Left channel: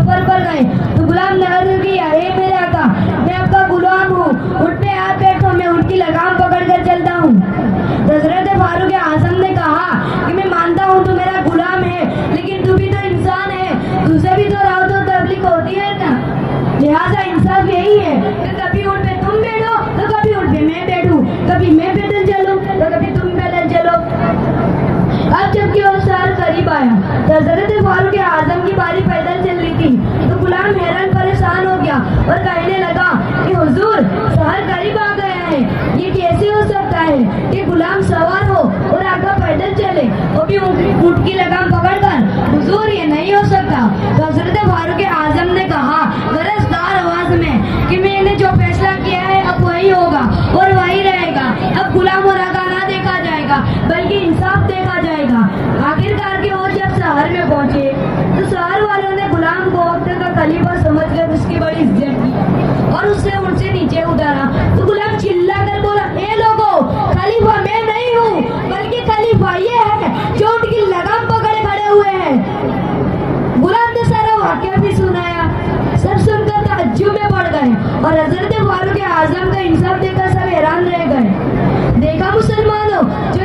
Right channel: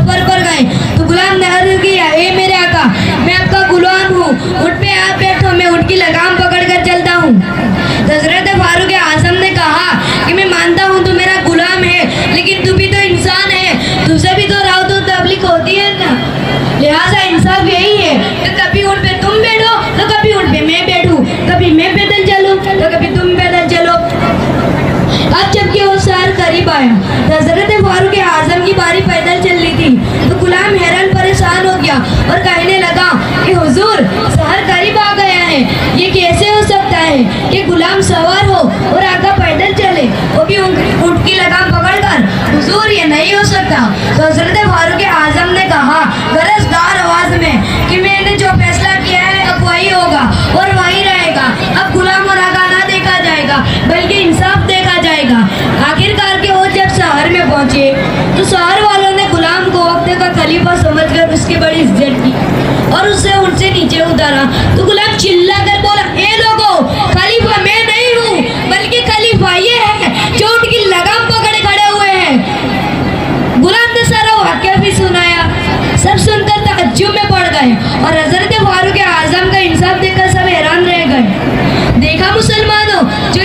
सफर पर गए तो गुलाम ने अर्ज किया, ए मेरे आका, मैं आपका गुलाम हूँ, ऊँट पे आप बैठो, मैं ऊँट की लगाम पकड़ कर चलता हूँ। हजरत फारूक आजम ने कहा कि मैं मानता हूँ तू मेरा गुलाम है, लेकिन तू भी तो इंसान है, तुझे भी तो राव तो तबलीग होती है ना, लिहाजा इंसाफ यही है कि कभी ऊँट पे तुम बैठो तो कभी ऊँट पे मैं बैठूं, कभी मैं पैदल चलूं तो कभी तुम पैदल चलो। अब जबकि वो शहर करीब आया तो हजरत फारूक आजम की बारी पैदल चल रही थी तो गुलाम हैरान परेशान हो गया और कहने लगा कि हुजूर, शहर करीब आ गया है, ये कैसे हो सकता है कि गुलाम सवार हो और आका पैदल चले, वो भी ऊँट की लगाम पकड़कर? हुजूर, ये नहीं हो सकता। तो हजरत फारूक आजम ने कहा गरजदार आवाज में कि मैंने जो फैसला किया है अब वही होगा और वही रहेगा। अब गुलाम और आका ना देखा जाएगा बल्कि इंसाफ देखा जाएगा। आखिरकार के वो जब शहर में पहुंचे तो शहर वालों ने गुलाम को वक्त का खलीफा समझकर उसकी बड़ी इज्जत की और उससे उनसे नीचे उतारा। तो गुलाम चिल्ला कर बोला, ए लोगों, खलीफा मैं नहीं हूँ बल्कि खलीफा ये है जो उनकी लगाम पकड़े खड़े हुए हैं। गुलाम ने सारा वाक्या भी सुनाया। सब सुनकर ताज्जुब में पड़ गए और हजरत फारूक आजम का इंसाफ देखकर सब हैरान रह गए। देखा मुसलमानों, जो